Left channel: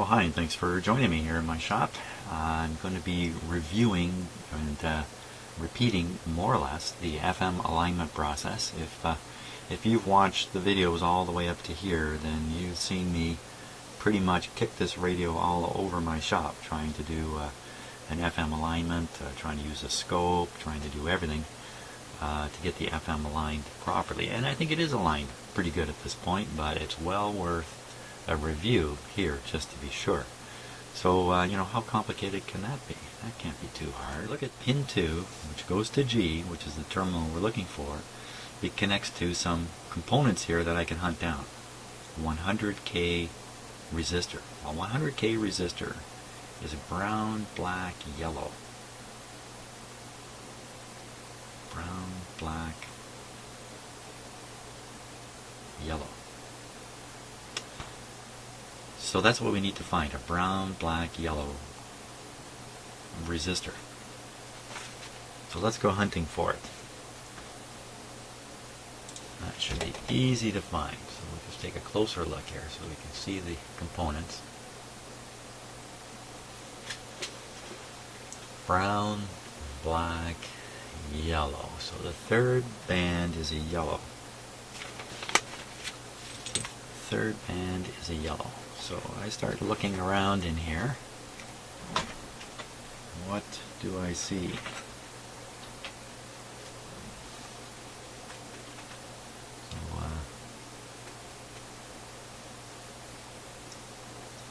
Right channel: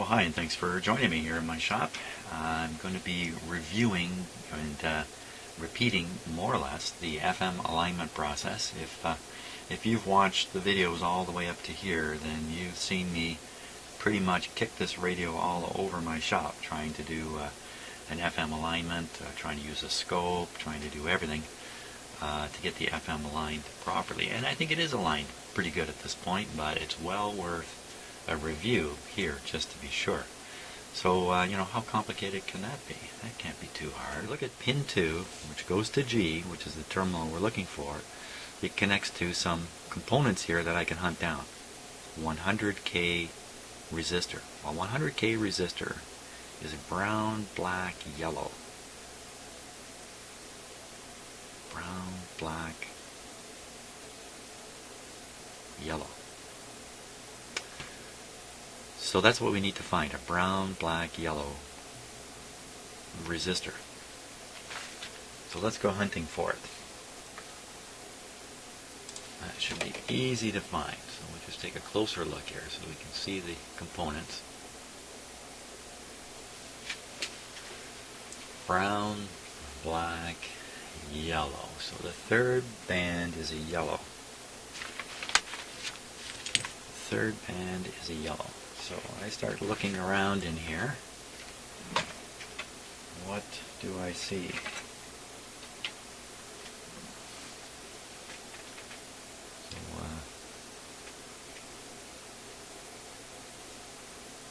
Well, hi, and thanks for joining me here in my shop. I'm going to be reviewing and repeating more or less the FM alignment process. If you've watched the videos all the way up to here, then you've seen me pretty much kick this radio all over my shop trying to do an FM alignment, trying to use a scope, trying to do everything to get the FM aligned properly. And I think it is aligned pretty good at this point, but it's well worth a review here just to be sure. So, how complicated can that be? That can't be too hard. Look at pin 2, which goes to G, which is the terminal we're looking for. It connects to some components here that I can hunt down. 100K resistor. A 100K resistor is brown, black, yellow. Brown, black, yellow. So that's what we need to find, a brown, black, yellow resistor. So let's go hunting for it. That should be easy to find. So we'll just take a closer look here so we can see the components. Brown, black, yellow. So the third band is a yellow. Third band is a yellow. So I start looking around in here. What do I see?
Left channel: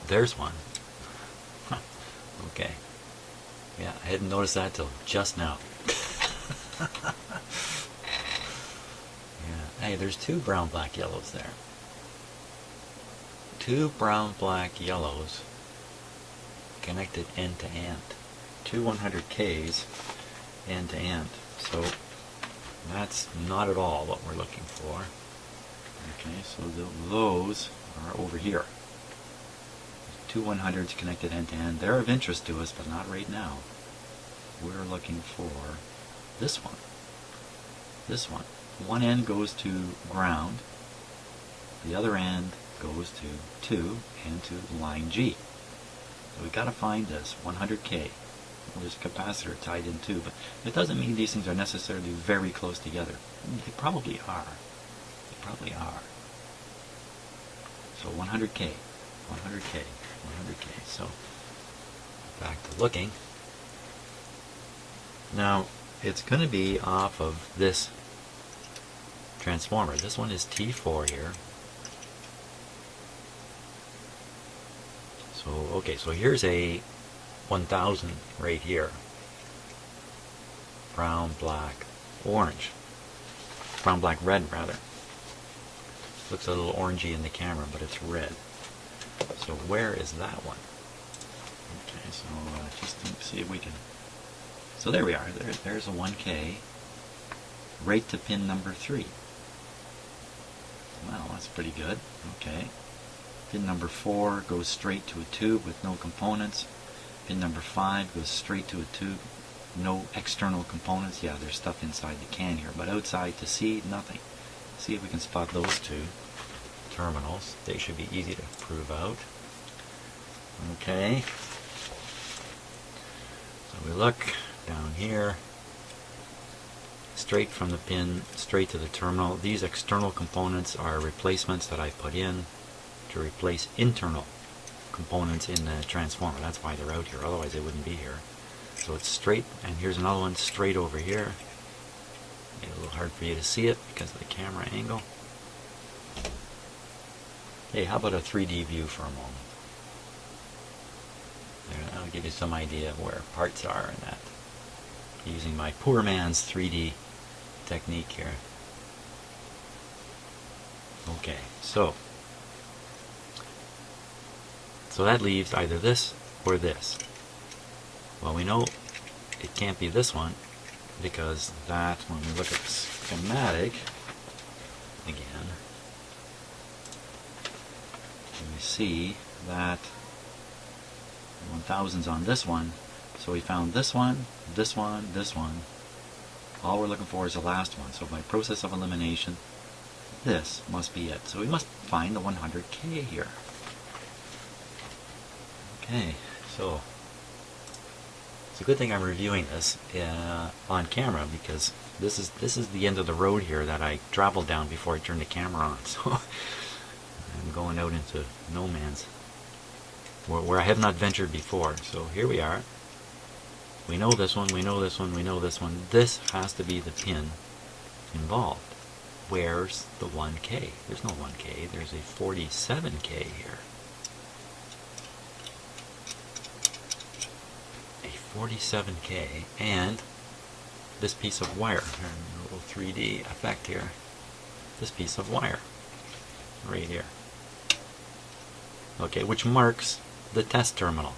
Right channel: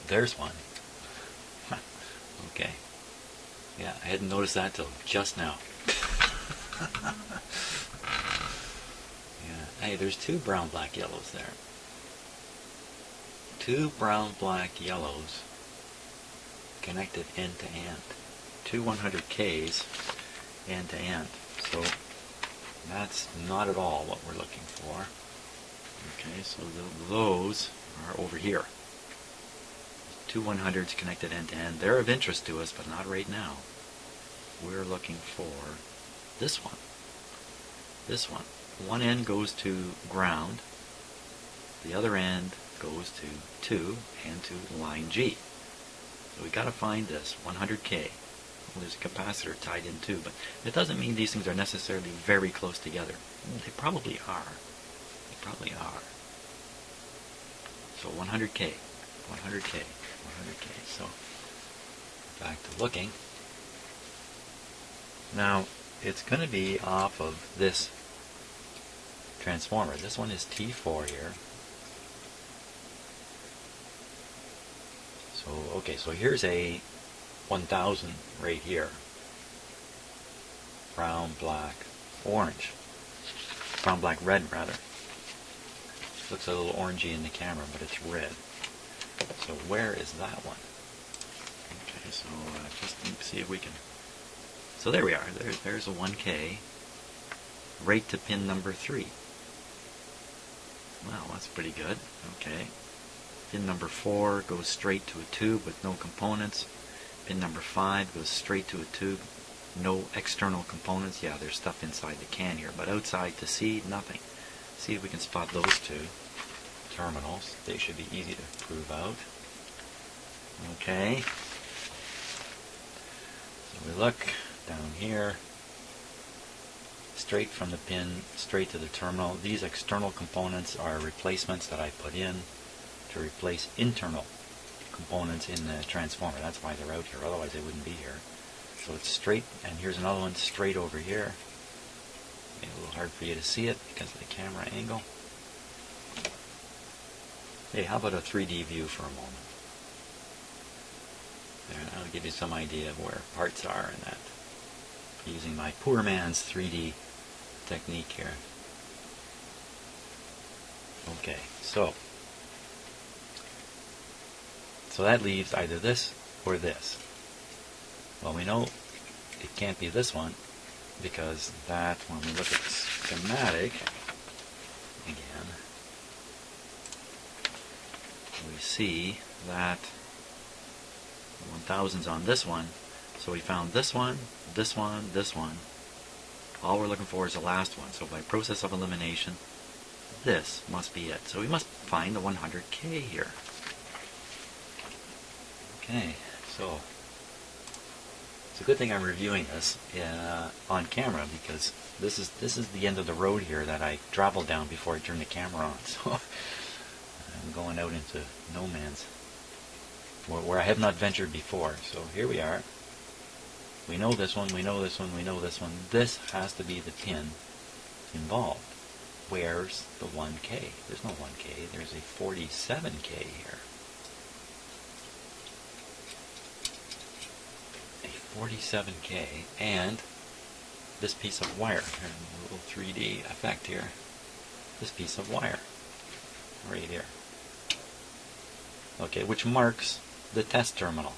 There's one. Okay. Yeah, I hadn't noticed that till just now. Yeah. Hey, there's two brown, black, yellows there. Two brown, black, yellows connected end to end. Two 100Ks end to end. So that's not at all what we're looking for. Okay, so those are over here. Two 100s connected end to end. They're of interest to us, but not right now. We're looking for this one. This one. One end goes to ground. The other end goes to 2 and to line G. So we got to find this 100K. Well, there's a capacitor tied in too, but it doesn't mean these things are necessarily very close together. They probably are. They probably are. So 100K, 100K, 100K. So back to looking. Now it's going to be off of this transformer. This one is T4 here. So, okay, so here's a 1000 right here. Brown, black, orange. Brown, black, red, rather. Looks a little orangey in the camera, but it's red. So where is that one? Okay, so just see if we can... So there we are. There's a 1K. Right to pin number 3. Well, that's pretty good. Okay. Pin number 4 goes straight to a tube with no components. Pin number 5 goes straight to a tube, no external components. Yeah, there's stuff inside the can here, but outside to see, nothing. See if we can spot those two terminals. They should be easy to prove out. Okay. So we look down here, straight from the pin, straight to the terminal. These external components are replacements that I put in to replace internal components in the transformer. That's why they're out here, otherwise they wouldn't be here. So it's straight, and here's another one straight over here. It's a little hard for you to see it because of the camera angle. Hey, how about a 3D view for a moment? There, that'll give you some idea of where parts are in that. Using my poor man's 3D technique here. Okay, so that leaves either this or this. Well, we know it can't be this one because that, when we look at the schematic again, we see that the 1000's on this one. So we found this one, this one, this one. All we're looking for is the last one. So by process of elimination, this must be it. So we must find the 100K here. Okay, so it's a good thing I'm reviewing this on camera, because this is the end of the road here that I traveled down before I turned the camera on. So I'm going out into no man's, where I have not ventured before. So here we are. We know this one, we know this one, we know this one. This has to be the pin involved. Where's the 1K? There's no 1K. There's a 47K here. A 47K and this piece of wire. A little 3D effect here. This piece of wire right here. Okay, which marks the test terminal.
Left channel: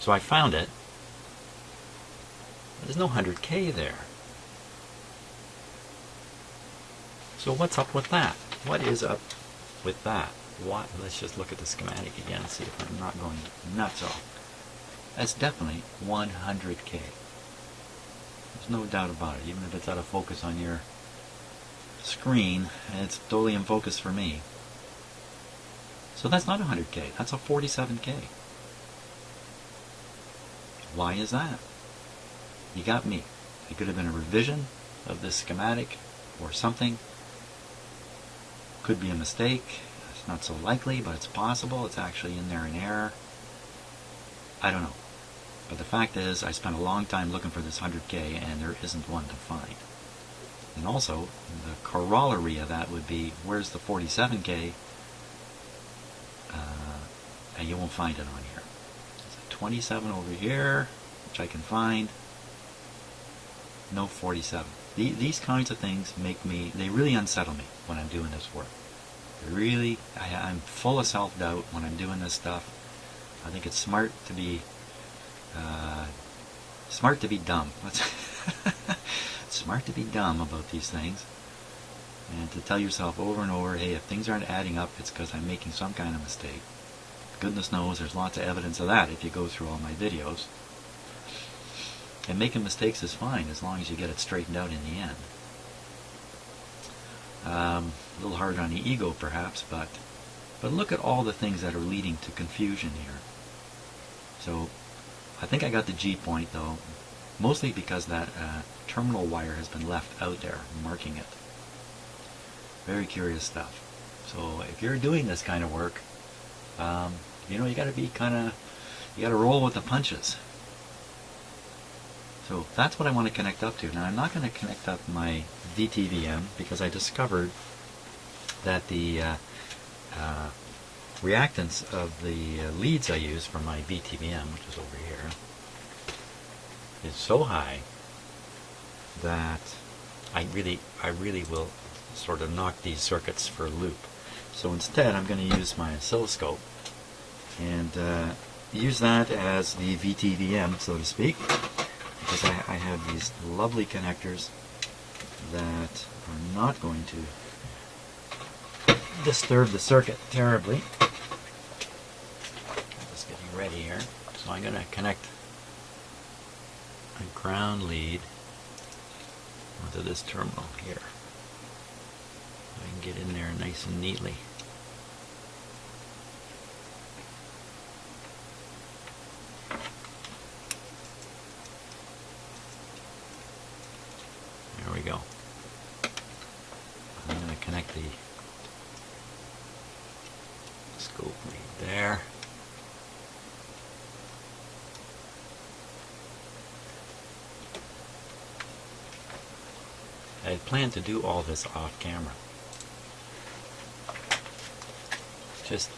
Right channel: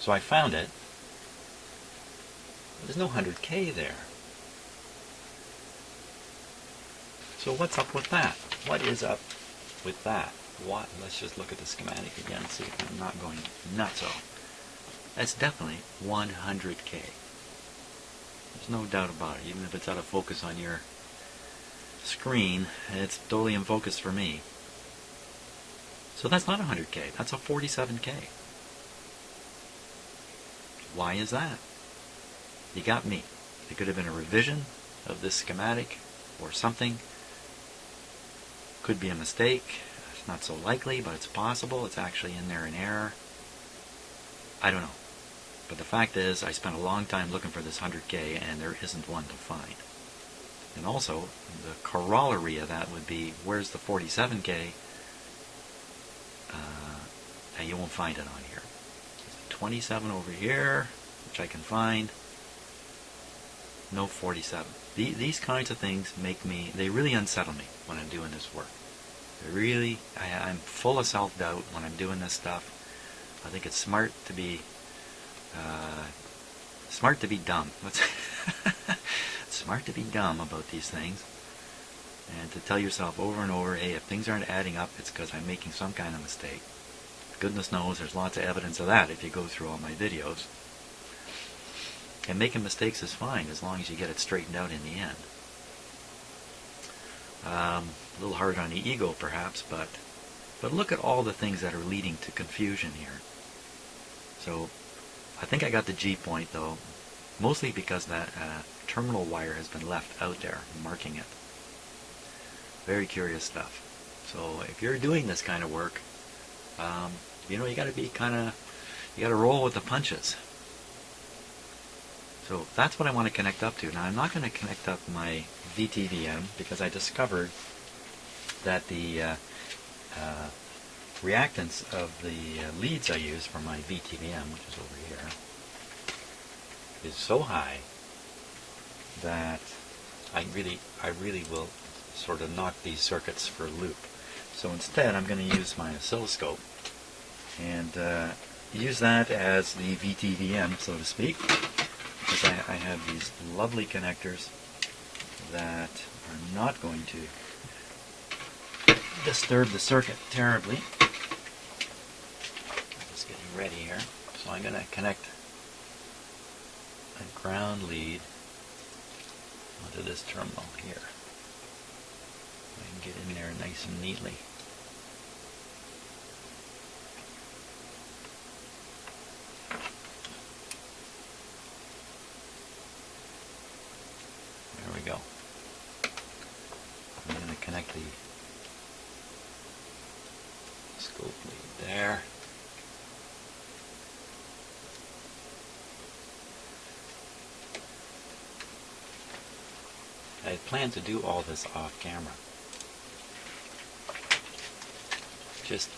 So I found it. There's no 100K there. So what's up with that? What is up with that? What? Let's just look at the schematic again and see if I'm not going nuts. That's definitely 100K. There's no doubt about it. Even if it's out of focus on your screen, it's totally in focus for me. So that's not 100K. That's a 47K. Why is that? You got me. It could have been a revision of this schematic or something. Could be a mistake. It's not so likely, but it's possible. It's actually in there in error. I don't know. But the fact is, I spent a long time looking for this 100K, and there isn't one to find. And also, the corollary of that would be, where's the 47K? And you won't find it on here. There's a 27 over here, which I can find. No 47. These kinds of things make me, they really unsettle me when I'm doing this work. They really, I'm full of self-doubt when I'm doing this stuff. I think it's smart to be dumb. Smart to be dumb about these things, and to tell yourself over and over, hey, if things aren't adding up, it's because I'm making some kind of mistake. Goodness knows there's lots of evidence of that if you go through all my videos. And making mistakes is fine as long as you get it straightened out in the end. A little hard on the ego perhaps, but look at all the things that are leading to confusion here. So I think I got the G point though, mostly because that terminal wire has been left out there, marking it. Very curious stuff. So if you're doing this kind of work, you know, you got to be you got to roll with the punches. So that's what I want to connect up to. Now I'm not going to connect up my VTVM because I discovered that the reactance of the leads I use for my VTVM, which is over here, is so high that I really will sort of knock these circuits for a loop. So instead I'm going to use my oscilloscope and use that as the VTVM, so to speak, because I have these lovely connectors that are not going to disturb the circuit terribly. Just getting ready here. So I'm going to connect a ground lead onto this terminal here. I can get in there nice and neatly. There we go. I'm going to connect the scope lead there. I plan to do all this off camera. Just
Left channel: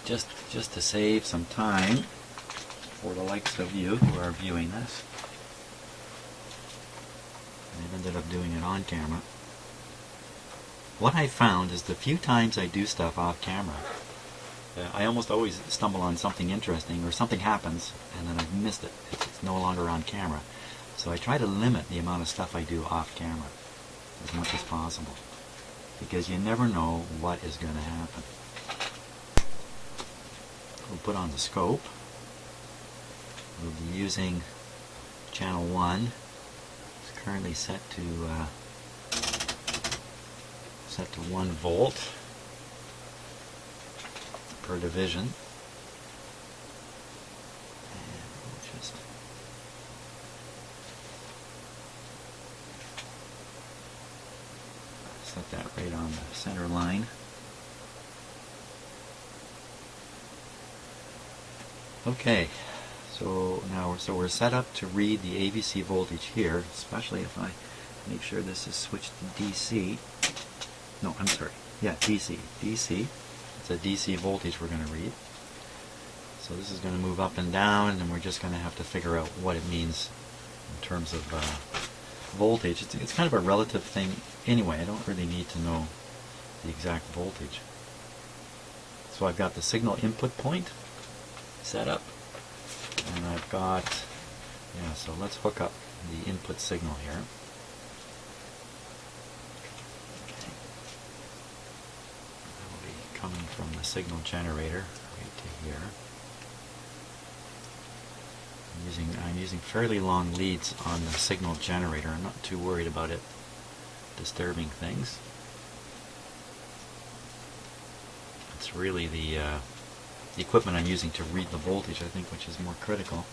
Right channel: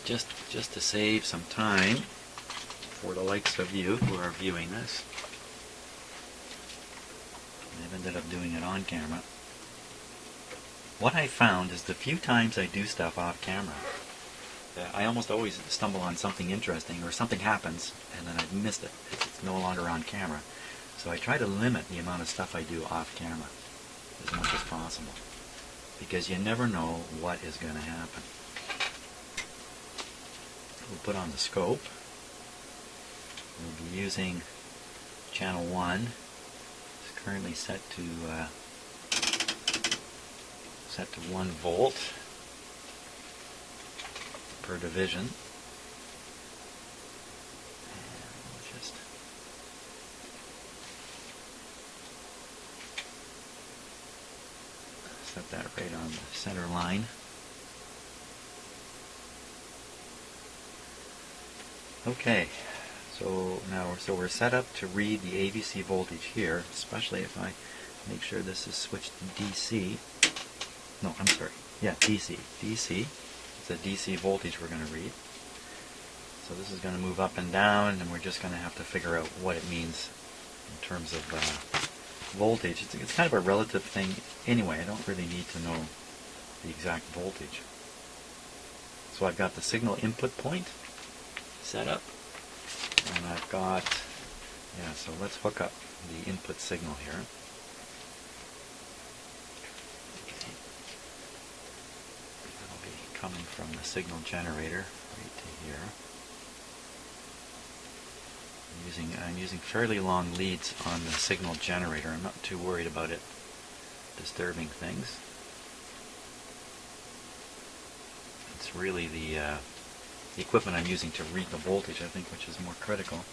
to save some time for the likes of you who are viewing this. I've ended up doing it on camera. What I found is the few times I do stuff off camera, I almost always stumble on something interesting, or something happens and then I've missed it. It's no longer on camera. So I try to limit the amount of stuff I do off camera as much as possible, because you never know what is going to happen. We'll put on the scope. We'll be using channel 1. It's currently set to 1 volt per division. that right on the center line. Okay, so now we're set up to read the AVC voltage here, especially if I make sure this is switched to DC. No, I'm sorry. Yeah, DC. DC. It's a DC voltage we're going to read. So this is going to move up and down, and we're just going to have to figure out what it means in terms of voltage. It's kind of a relative thing anyway. I don't really need to know the exact voltage. So I've got the signal input point set up, and I've got, yeah, so let's hook up the input signal here. Okay. That'll be coming from the signal generator right to here. I'm using fairly long leads on the signal generator. I'm not too worried about it disturbing things. It's really the equipment I'm using to read the voltage, I think, which is more critical.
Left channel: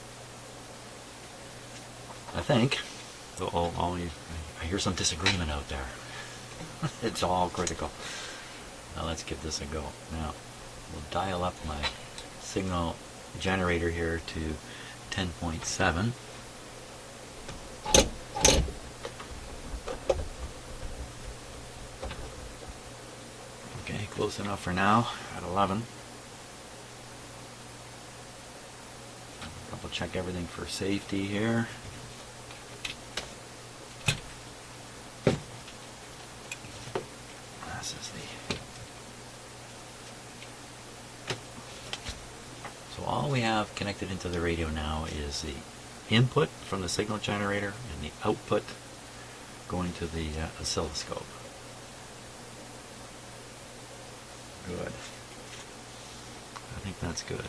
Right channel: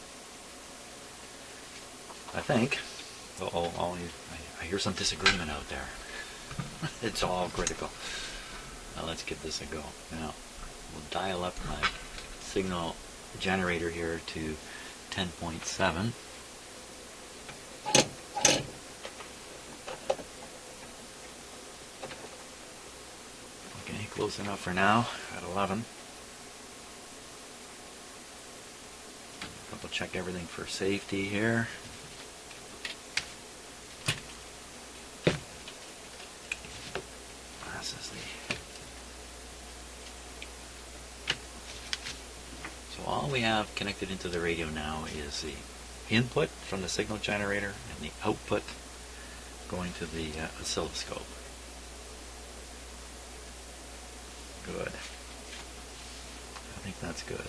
I think. I hear some disagreement out there. It's all critical. Now let's give this a go. Now we'll dial up my signal generator here to 10.7. Okay, close enough for now at 11. Double check everything for safety here. This is So all we have connected into the radio now is the input from the signal generator and the output going to the oscilloscope. Good. I think that's good.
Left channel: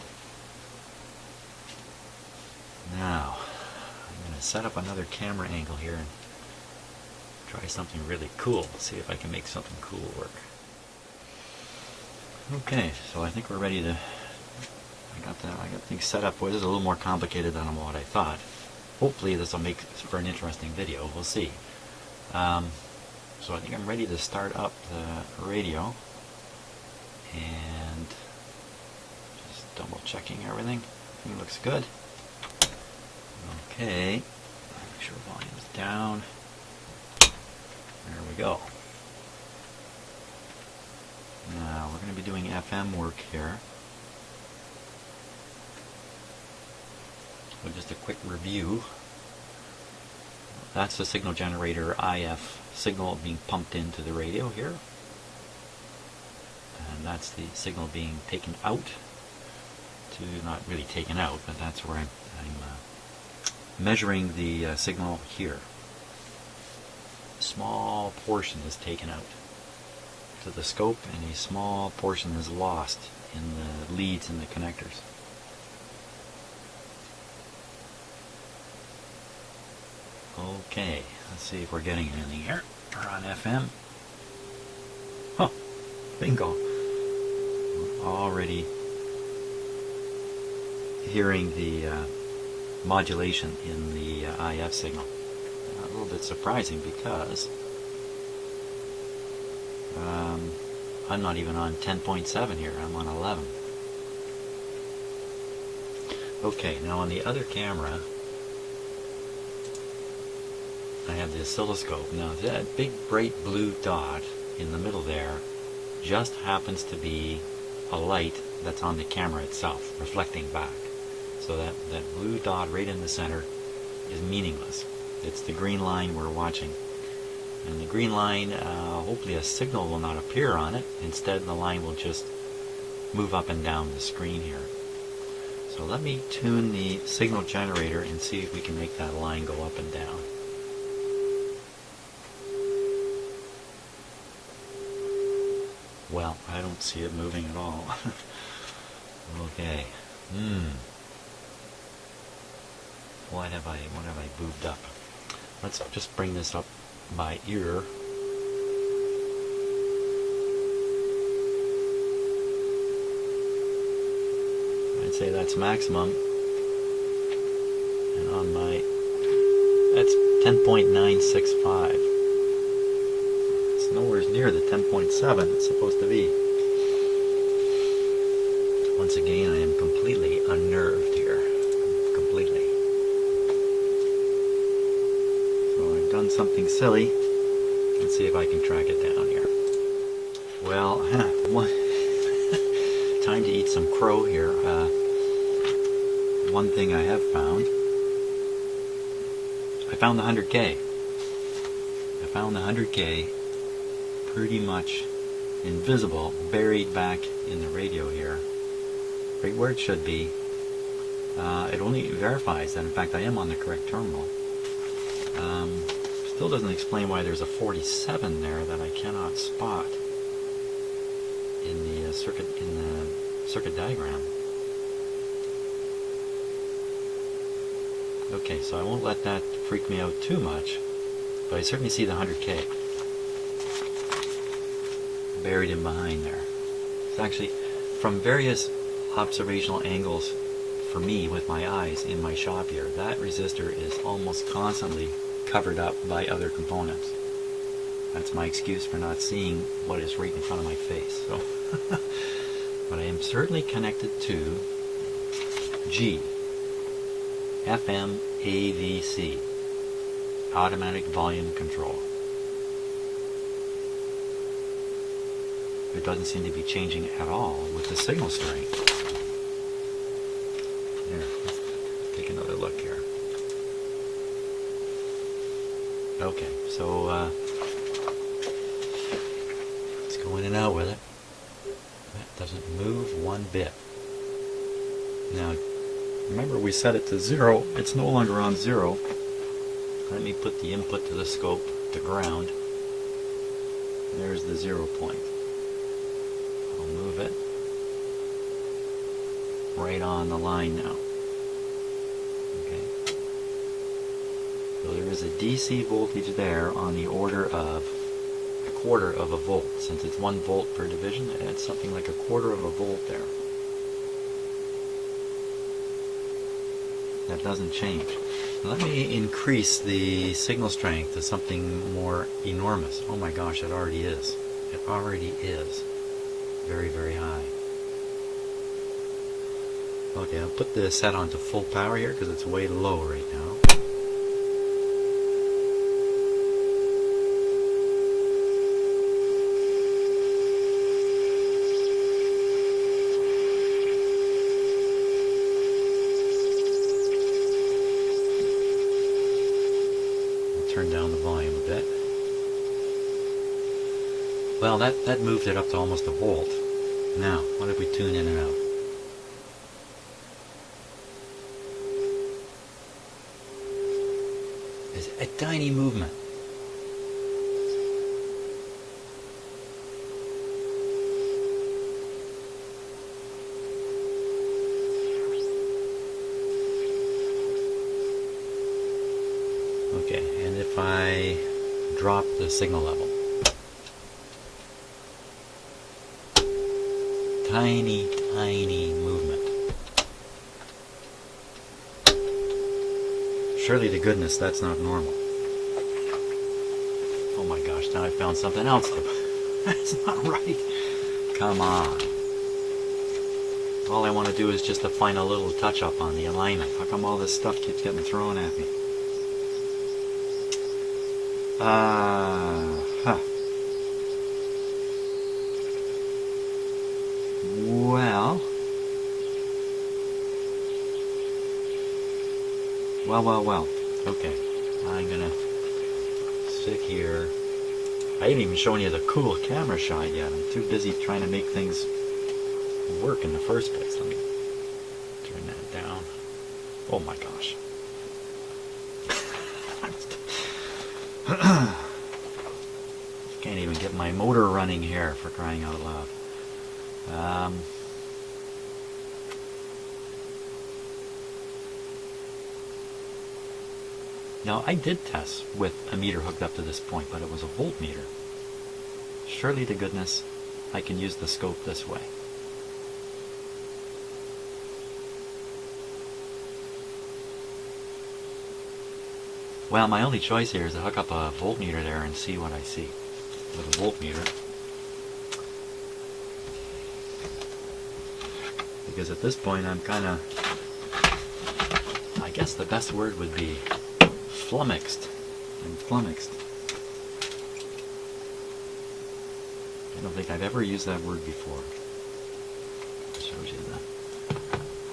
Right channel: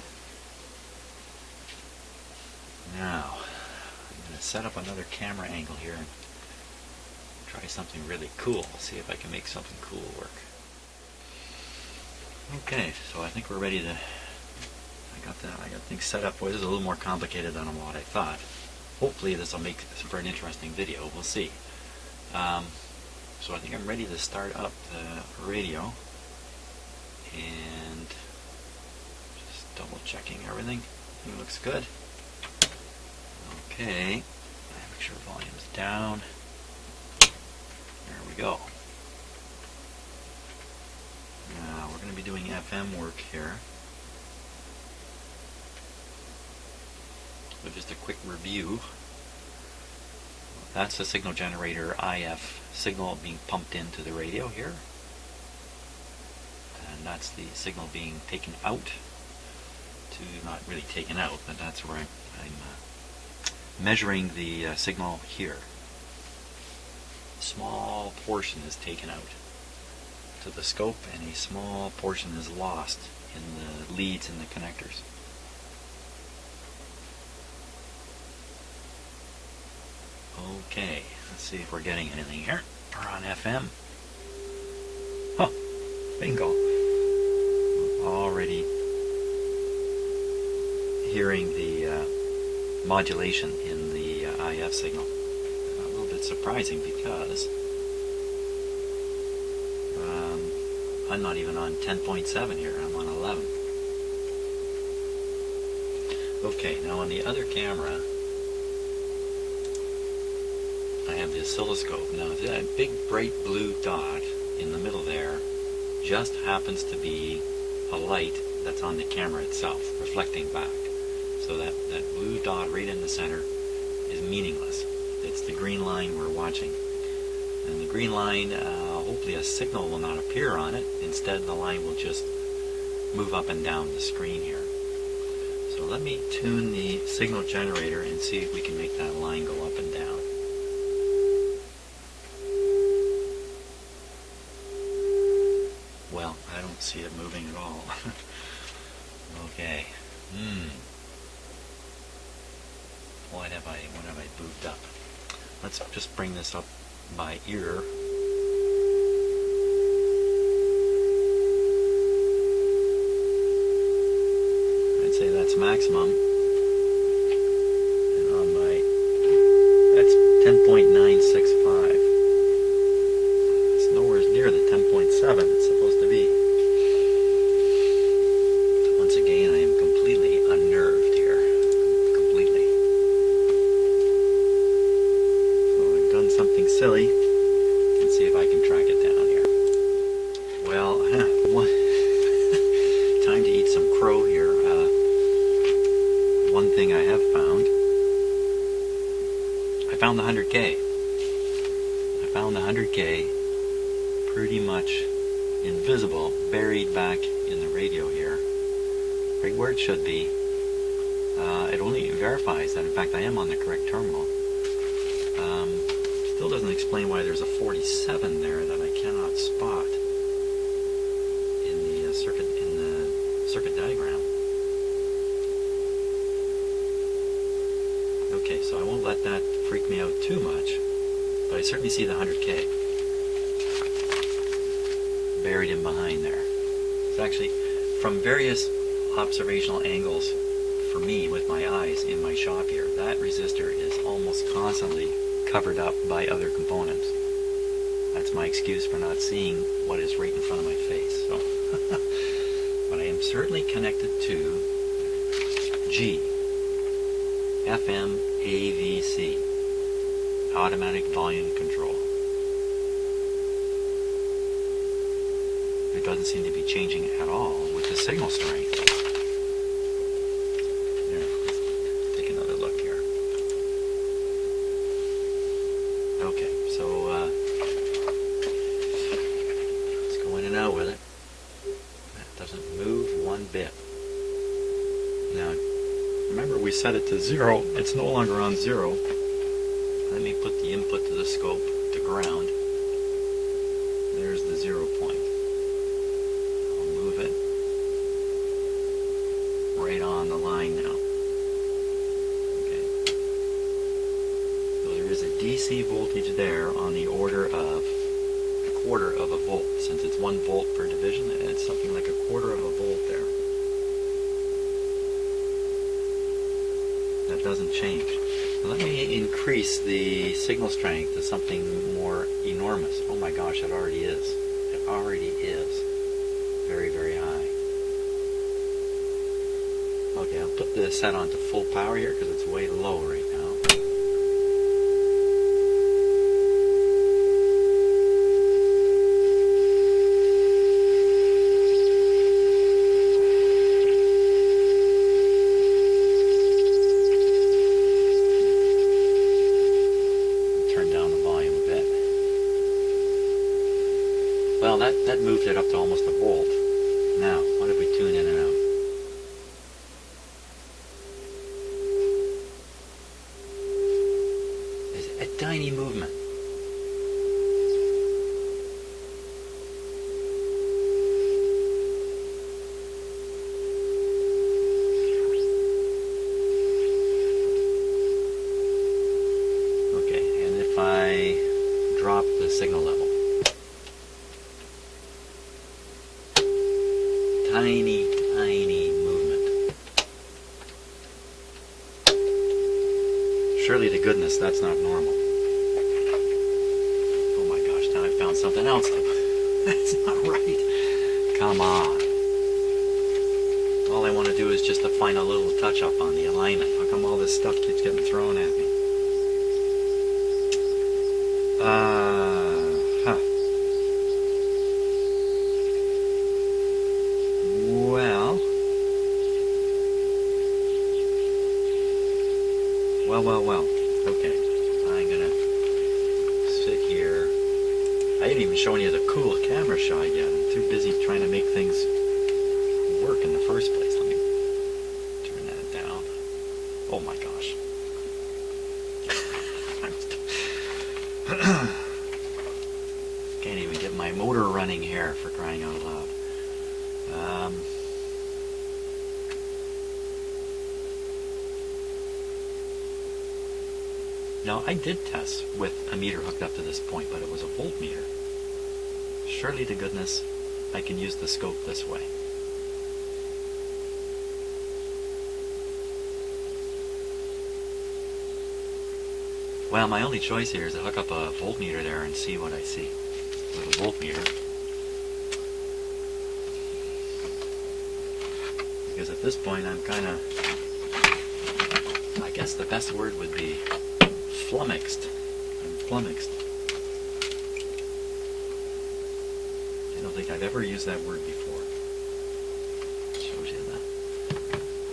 Now, I'm going to set up another camera angle here and try something really cool. See if I can make something cool work. Okay, so I think we're ready to... I got things set up. Boy, this is a little more complicated than what I thought. Hopefully this will make for an interesting video. We'll see. So I think I'm ready to start up the radio. And just double checking everything. Everything looks good. Okay. Make sure volume's down. There we go. Now we're going to be doing FM work here. So just a quick review. That's the signal generator IF signal being pumped into the radio here. And that's the signal being taken out to, not really taken out, but that's where I'm measuring the signal here. A small portion is taken out to the scope, and a small portion is lost in the leads and the connectors. Okay, let's see if we're getting anything here. We're on FM. Huh, bingo. We're already hearing the modulation in the IF signal. A little bit surprising because I'm not even on 10.7 here. I'm on 11. Okay, now on the other camera, I have the oscilloscope. Now that big bright blue dot in the middle there just happens to be a light that's on the camera itself, reflecting back. So that blue dot right in the center is meaningless. It's the green line we're watching. And the green line, hopefully a signal will not appear on it. Instead, the line will just move up and down the screen here. So let me tune the signal generator and see if we can make that line go up and down. Well, I don't see it moving at all. Okay. What have I moved up? Let's just bring this up by ear. I'd say that's maximum. And on my, that's 10.965. It's nowhere near the 10.7 it's supposed to be. Once again, I am completely unnerved here. Completely. So I've done something silly. Let's see if I can track it down here. Well, time to eat some crow here. One thing I have found. I found the 100K. I found the 100K pretty much invisible, buried back in the radio here. Right where it should be. It only verifies that, in fact, I am on the correct terminal. Still doesn't explain why there's a 47 there that I cannot spot in the circuit diagram. Okay, so I won't let that freak me out too much, but I certainly see the 100K buried in behind there. It's actually from various observational angles for me with my eyes in my shop here. That resistor is almost constantly covered up by other components. That's my excuse for not seeing what is right in front of my face. So, but I am certainly connected to G, FM AVC, automatic volume control. It doesn't seem to be changing at all with the signal strength. Here, let's take another look here. Okay, so let's go in and out with it. That doesn't move one bit. Now, remember we set it to 0. It's no longer on 0. Let me put the input to the scope to ground. There's the 0 point. I'll move it right on the line now. Okay. So there is a DC voltage there on the order of a quarter of a volt. Since it's 1 volt per division, it's something like a quarter of a volt there. That doesn't change. Now let me increase the signal strength to something more enormous. Oh my gosh, it already is. It already is. Very, very high. Okay, I'll put the set on to full power here because it's way low right now. Well, that moved it up to almost a volt. Now, what if we tune in and out? It's a tiny movement. Okay, and if I drop the signal level? Tiny, tiny movement. Surely to goodness that's not normal. Oh my gosh, now I found something else. That's not right. Come on. All I want to do is just to find a little touch up on the alignment. How come all this stuff keeps getting thrown at me? Well. Okay. I'm gonna sit here. I ain't even showing you the cool camera shot yet. I'm too busy trying to make things work in the first place. Let me turn that down. Oh my gosh. Can't even get my motor running here, for crying out loud. Now, I did test with a meter hooked up to this point, but it was a voltmeter. Surely to goodness, I can use the scope this way. Well, my only choice here is to hook up a voltmeter there and see what I see with a voltmeter. because at this point I'm kind of, I guess the best word would be flummoxed. I'm flummoxed. I don't think I've ever used that word before. Shows you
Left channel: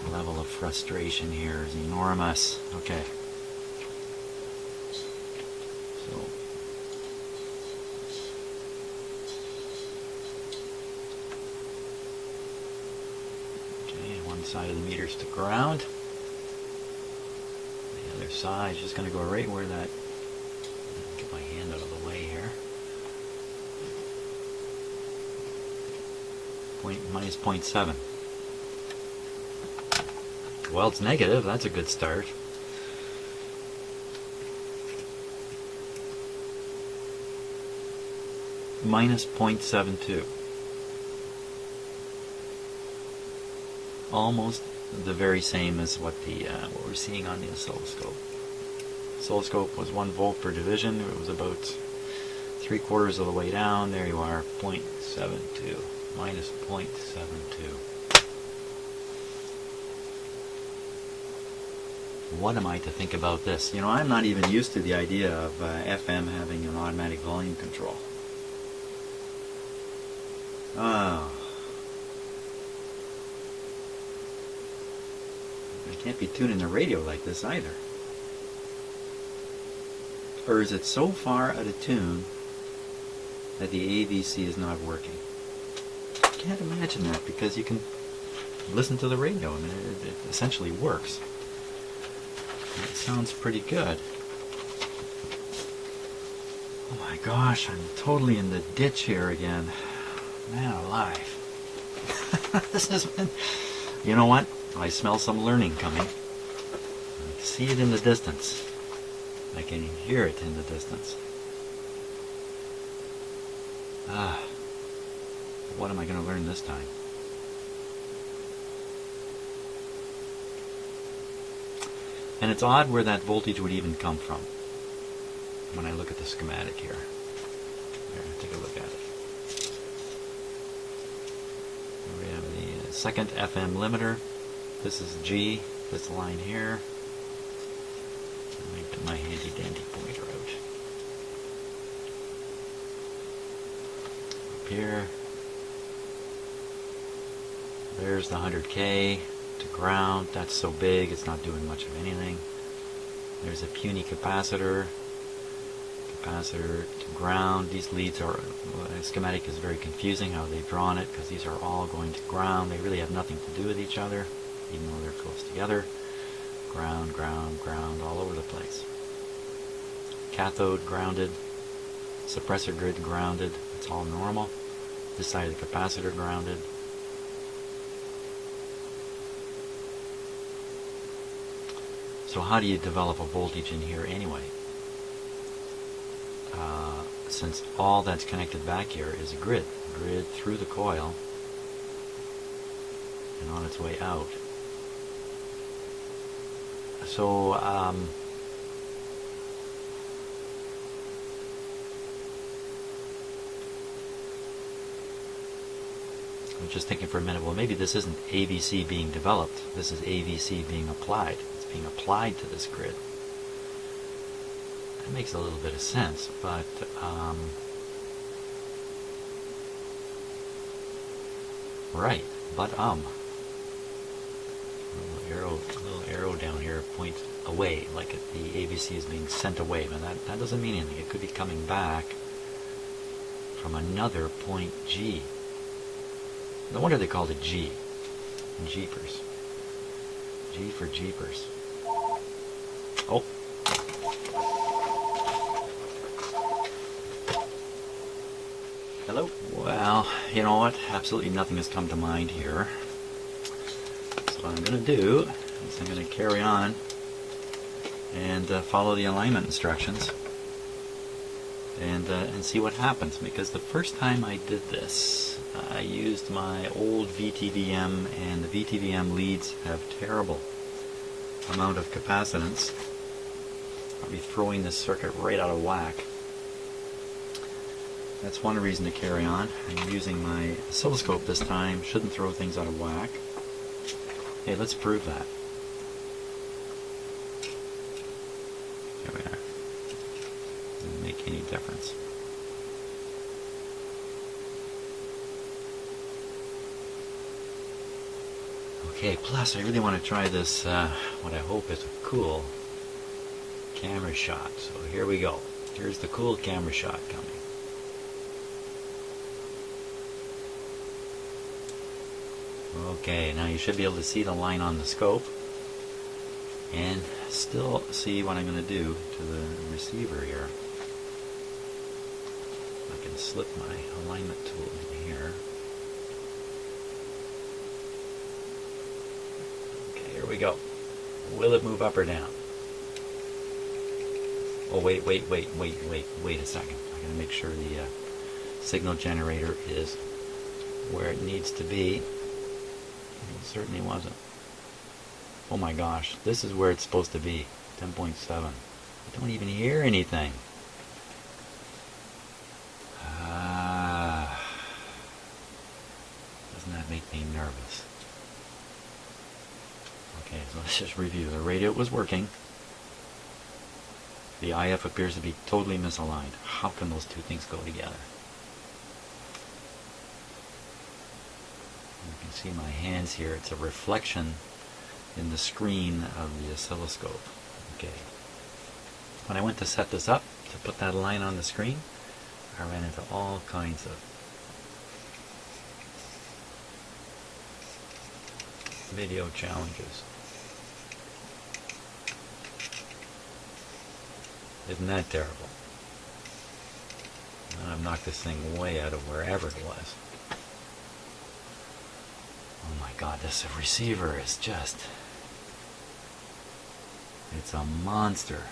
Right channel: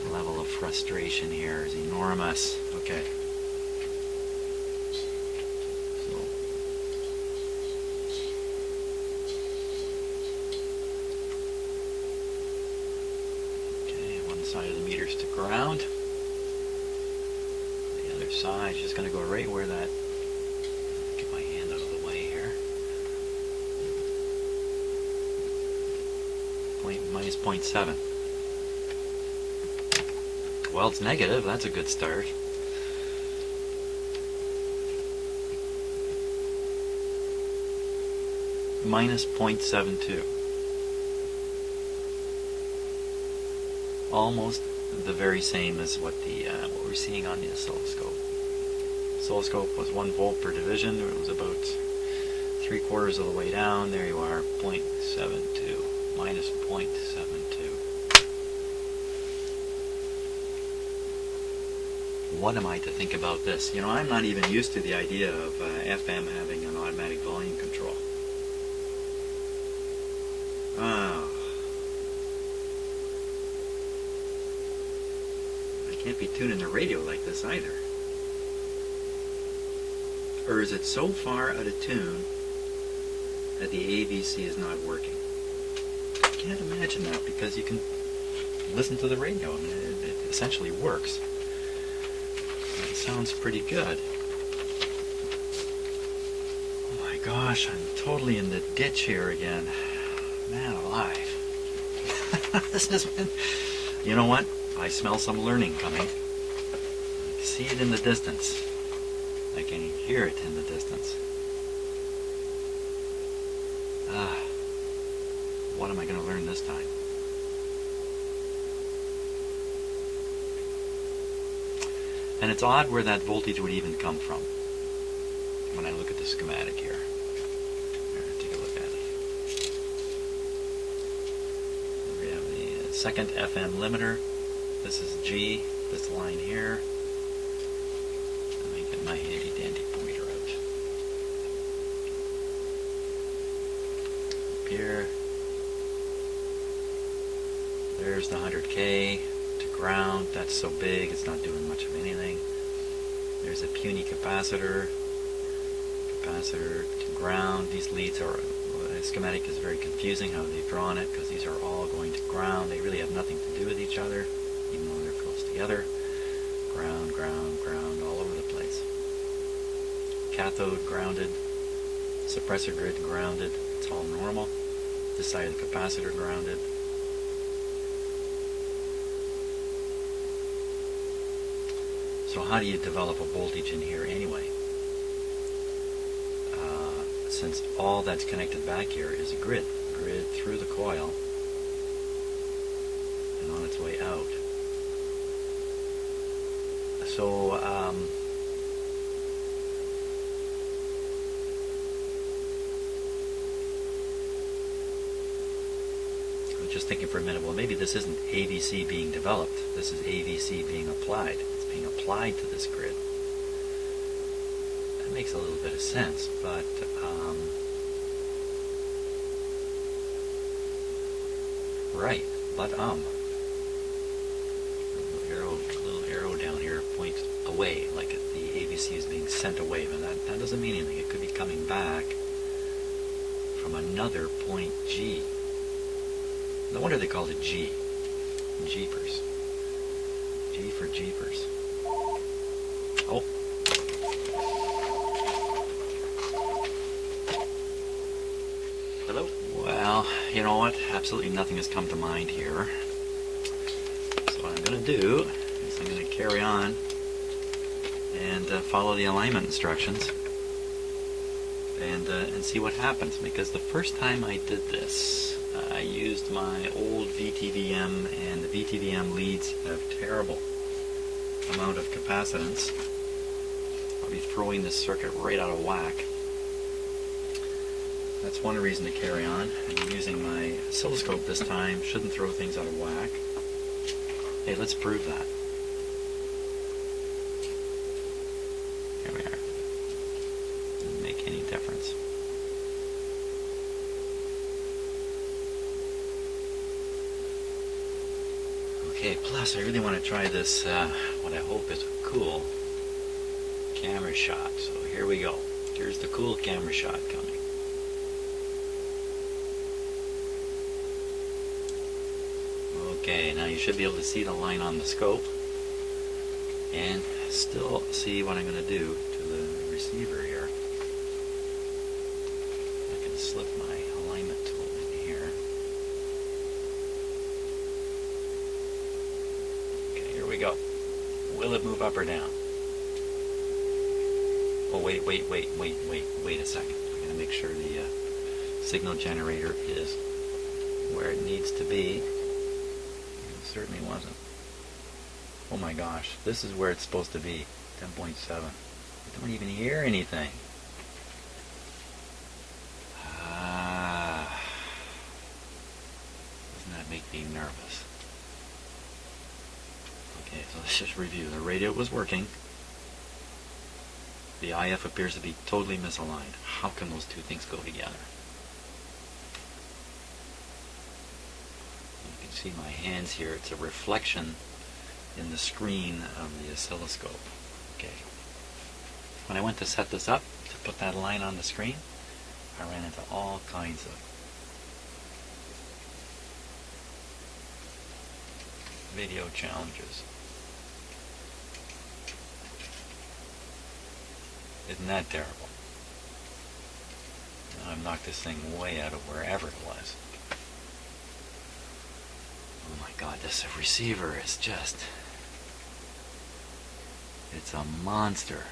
the level of frustration here is enormous. Okay. So, okay, one side of the meter's to ground. The other side is just going to go right where that, get my hand out of the way here. Minus 0.7. Well, it's negative. That's a good start. Minus 0.72. Almost the very same as what we're seeing on the oscilloscope. Oscilloscope was 1 volt per division. It was about 3/4 of the way down. There you are, 0.72. Minus 0.72. What am I to think about this? You know, I'm not even used to the idea of FM having an automatic volume control. Oh. I can't be tuning the radio like this either. Or is it so far out of tune that the AVC is not working? I can't imagine that, because you can listen to the radio and it essentially works. It sounds pretty good. Oh my gosh, I'm totally in the ditch here again. Man alive. This is when, you know what? I smell some learning coming. I see it in the distance. I can hear it in the distance. What am I going to learn this time? And it's odd where that voltage would even come from when I look at the schematic here. Here, take a look at it. We have the second FM limiter. This is G, this line here. Let me get my handy dandy pointer out. Up here. There's the 100K to ground. That's so big, it's not doing much of anything. There's a puny capacitor. Capacitor to ground. These leads are, the schematic is very confusing how they've drawn it, because these are all going to ground. They really have nothing to do with each other, even though they're close together. Ground, ground, ground, all over the place. Cathode grounded. Suppressor grid grounded. It's all normal. This side of the capacitor grounded. So how do you develop a voltage in here anyway? Since all that's connected back here is a grid through the coil and on its way out. So I'm just thinking for a minute, well, maybe this isn't AVC being developed, this is AVC being applied. It's being applied to this grid. That makes a little bit of sense, but right, but little arrow down here points away, like the AVC is being sent away. But that doesn't mean anything. It could be coming back from another point G. No wonder they called it G. Jeepers. G for jeepers. Oh. Hello? Well, you know what? Absolutely nothing has come to mind here. So what I'm going to do is I'm going to carry on and follow the alignment instructions and see what happens. Because the first time I did this, I used my old VTVM, and the VTVM leads have terrible amount of capacitance. I'll be throwing this circuit right out of whack. That's one reason to carry on. I'm using my oscilloscope this time. Shouldn't throw things out of whack. Hey, let's prove that. Here we are. Doesn't make any difference. Okay, plus I really want to try this, what I hope is a cool camera shot. So here we go. Here's the cool camera shot coming. Okay, now you should be able to see the line on the scope and still see what I'm going to do to the receiver here. I can slip my alignment tool here. Okay, here we go. Will it move up or down? Oh, wait a second. I'm going to make sure the signal generator is where it needs to be. It certainly wasn't. Oh my gosh, this is where it's supposed to be, 10.7. I don't even hear anything. Doesn't that make me nervous? Okay, so let's just review. The radio was working. The IF appears to be totally misaligned. How can those two things go together? You can see my hands here. It's a reflection in the screen of the oscilloscope. Okay. When I went to set this up, to put that line on the screen, I ran into all kinds of video challenges. Isn't that terrible? Now I've knocked this thing way out of wherever it was. Oh my god, this receiver is just... it's a monster.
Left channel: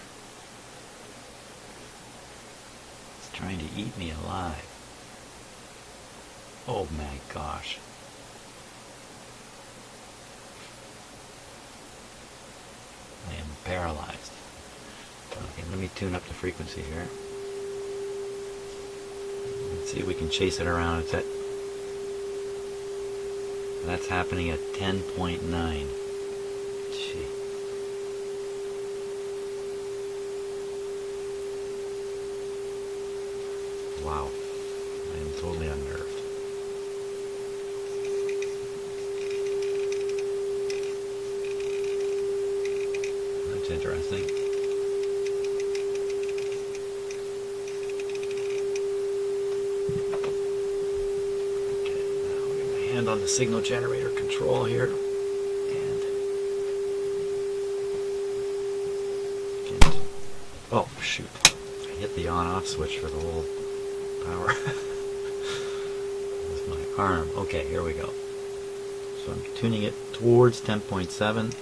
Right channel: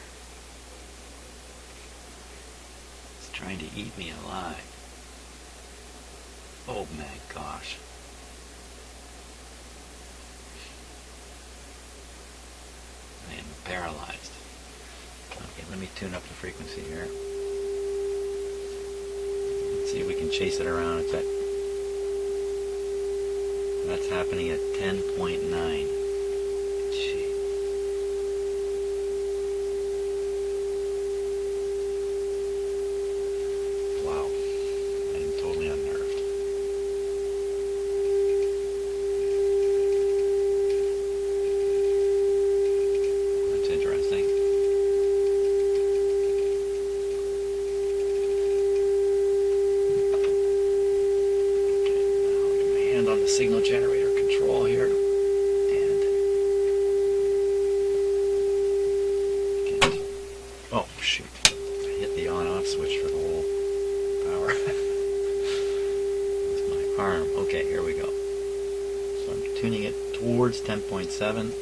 It's trying to eat me alive. Oh my gosh. I am paralyzed. Okay, let me tune up the frequency here. Let's see if we can chase it around. It's at, that's happening at 10.9. Gee. Wow. I am totally unnerved. That's interesting. Hand on the signal generator control here. And oh shoot. I hit the on-off switch for the whole power. That's my arm. Okay, here we go. So I'm tuning it towards 10.7.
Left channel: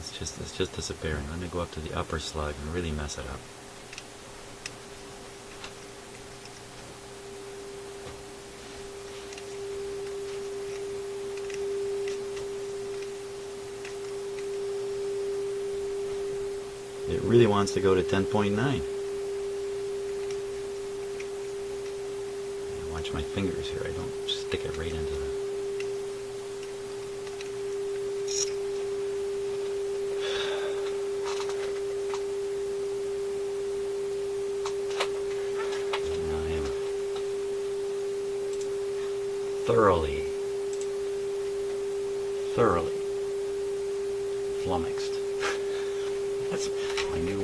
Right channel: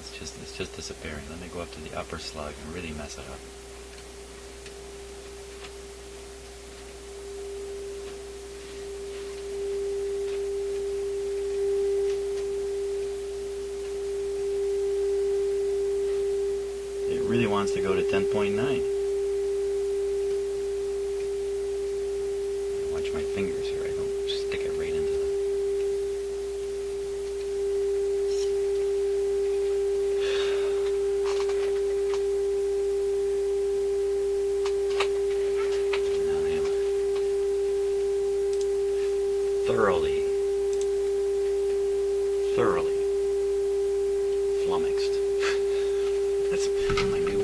It's just disappearing. Let me go up to the upper slug and really mess it up. It really wants to go to 10.9. Watch my fingers here. I don't stick it right into the... Now I am thoroughly flummoxed. That's my new